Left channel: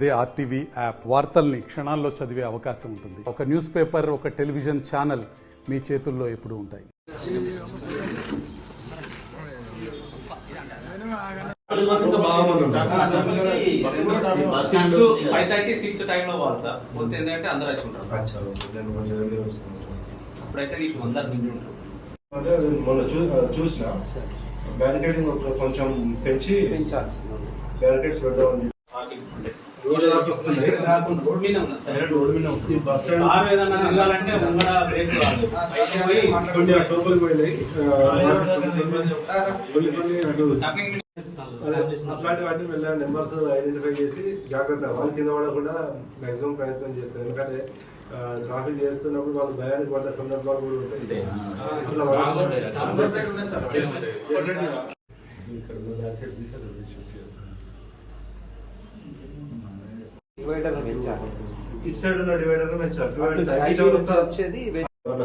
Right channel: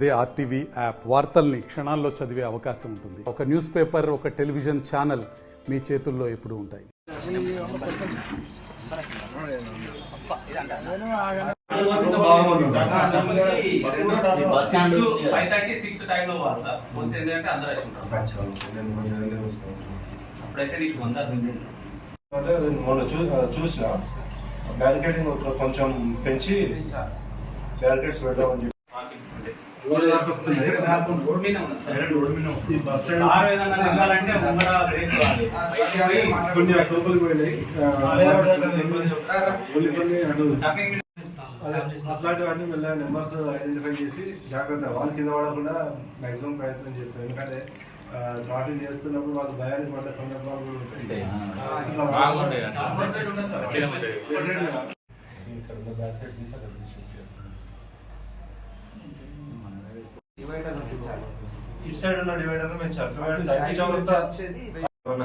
అదే RTV app వార్తల్ని క్షణాల్లో చదివే అవకాశం ఉంటుంది. ఒక న్యూస్ పేపర్, ఒక టెలివిజన్ ఛానల్ మీ చేతుల్లో ఎప్పుడూ ఉంటాయి. మొన్న చూసిన బ్యారికేడింగ్ కొంచెం పెంచి బ్యారికేడ్స్ పెడదామని రోడ్ దాకా వస్తుంది. బస్ స్టాండ్ కొన్ని టోపులు పోయినాయి, అట్లాంటివన్నీ మెల్లగా నెంబర్స్ ఐడెంటిఫై చేసి జాగ్రత్త వాళ్ళు కింద పడకుండా మాక్సిమం ప్రయత్నం చేస్తారు. ఎందుకంటే ట్రాఫిక్ చేస్తున్నప్పుడు వాళ్ళు భయానికి పడ్డ సందర్భాలు కూడా ఉంటాయి. ఇటు సైడ్ ఉన్న డివైడర్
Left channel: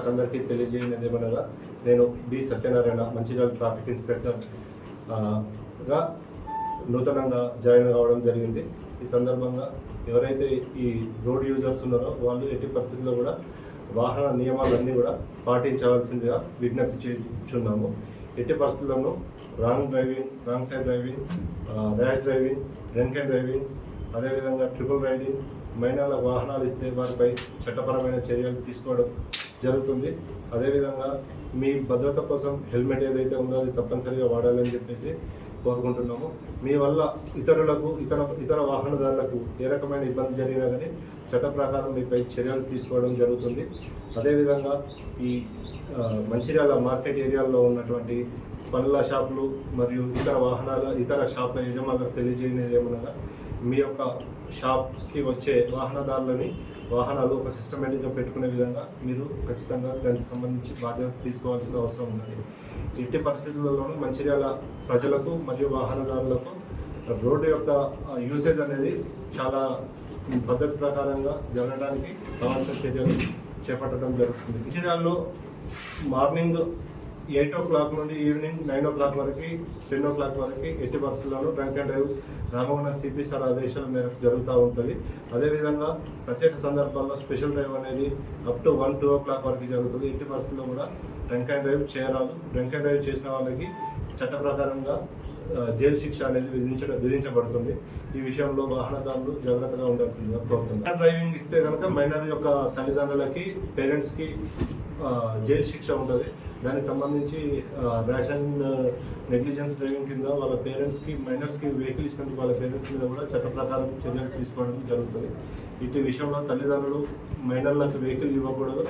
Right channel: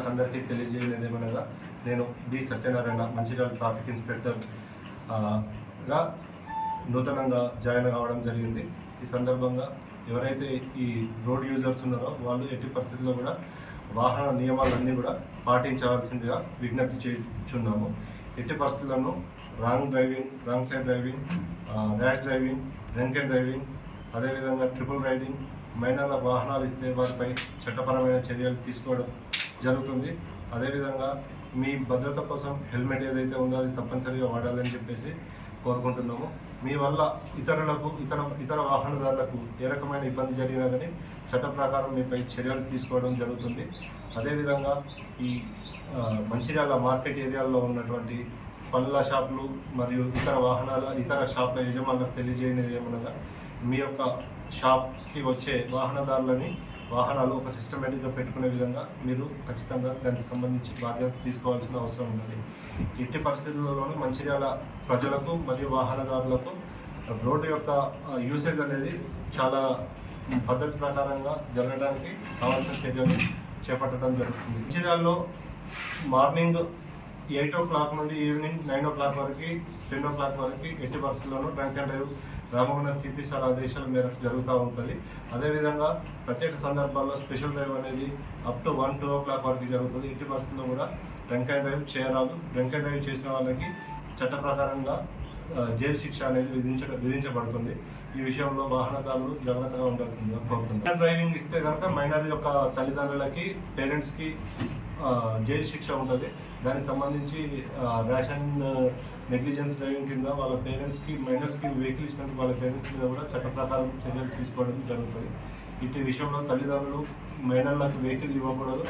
అందరికీ తెలియజేయలేదు ఏమనగా, నేను B Satyanarayana, Mancherial traffic inspector గా నూతనంగా జాయిన్ కావడం జరిగింది. ఈ సందర్భంగా ఎవరైతే ఈ రోడ్ యూజర్స్ ఉన్నారో వాళ్ళు ఎట్టి పరిస్థితుల్లో కూడా వాహన నియమాలన్నీ కూడా పాటించవలసిందిగా విజ్ఞప్తి చేస్తున్నాము. ఎట్టి పరిస్థితుల్లోనూ wrong driving, wrong side driving, rash driving, drink and driving, అదేవిధంగా ట్రిపుల్ రైడింగ్, మైనర్ల వాహనాలు ఇస్తే వారిపై చట్టపరమైన చర్యలు తీసుకోవడం జరుగుతుంది. అదేవిధంగా మీ భద్రత కోసం హెల్మెట్ ఏదైతే ఉందో అది తప్పనిసరిగా వాడాలని చెప్పేసి కోరుకుంటున్నాము. మీ వల్ల ఇతరులకు, ఇతర వాహనదారులకు ఏ రకమైన ఇబ్బంది జరిగినా కానీ చట్ట ప్రకారం మీపై చర్యలు తీసుకోవడం జరుగుతుంది. అదేవిధంగా ఈ మంచిర్యాల మార్కెట్ ఏరియాలో ఉన్నటువంటి పళ్ళ షాపులు మరియు ఇతర షాపుల యజమానులకు తెలియజేయనిది ఏమనగా, మీ యొక్క షాప్కి వచ్చే వాహనాలు ఒక సిస్టమేటిక్గా పెట్టుకునే విధంగా మీరు ఖచ్చితంగా దానికి సంబంధించి బాధ్యత తీసుకోవాల్సిన అవసరం ఉన్నది. ఎట్టి పరిస్థితుల్లోనూ మంచిర్యాల ప్రజలకు మరియు వాహనదారులకు రోడ్డు యొక్క యూసేజ్ అనేది చాలా పద్ధతి ప్రకారంగా జరగడానికి కావాల్సిన చర్యలు చేపట్టడం జరుగుతుంది. మంచిర్యాలలో మార్నింగ్ 8 o'clock నుండి ఈవినింగ్ 9 o'clock వరకు, 10 o'clock వరకు ఎట్టి పరిస్థితుల్లోనూ drunk and drive Ramagundam CP sir ఆదేశాల మేరకు జరుగుతూ ఉంటుంది. అదేవిధంగా ప్రత్యేక సందర్భాల్లో స్పెషల్ డ్రైవ్ అనేది అప్ టు 1-2 o'clock వరకు జరుగుతుంది. ఎట్టి పరిస్థితుల్లో కూడా డ్రంక్ అండ్ డ్రైవ్ చేయరాదు. డ్రంక్ అండ్ డ్రైవ్ చేసిన వాళ్ళకి చట్ట ప్రకారంగా జైలు శిక్ష అనేది విధించబడుతుంది. ఈ విషయంలో వాహనదారులు జాగ్రత్తగా ఉండాల్సిందిగా కోరుతున్నారు. డ్రైవింగ్ ఇస్తే కనుక మైనర్ యొక్క తల్లిదండ్రులకి, పేరెంట్స్కి జైలు శిక్ష ఉంటుంది. దానికి సంబంధించి ర్యాష్ అండ్ నెగ్లిజెన్స్ డ్రైవింగ్ కింద వాళ్ళ పేరెంట్స్కి, మైనర్స్కి వెహికల్ ఇచ్చినందుకు వాళ్ళ పేరెంట్స్ మీద కూడా చట్ట ప్రకారం చర్యలు తీసుకోవడం జరుగుతుంది. ఇటు విషయంలో తల్లిదండ్రులు మైనర్లకు వెహికల్ ఇవ్వకూడదు.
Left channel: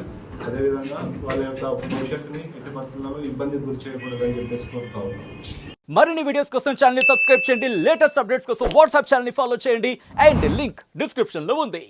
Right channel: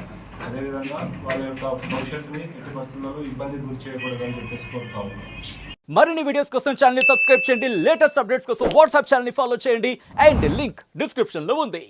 అదేవిధంగా వాళ్ళ యొక్క భవిష్యత్తుని ఎట్టి పరిస్థితుల్లో ఇబ్బంది గురి చేయకూడదని చెప్పేసి కోరుతా ఉన్నాం. మరిన్ని వీడియోస్ కోసం ఛానల్ ని సబ్స్క్రైబ్ చేయండి. లేటెస్ట్ అప్డేట్స్ కోసం వాట్సాప్ ఛానల్ ని ఫాలో చేయండి. అండ్ లింక్ డిస్క్రిప్షన్ లో ఉంది.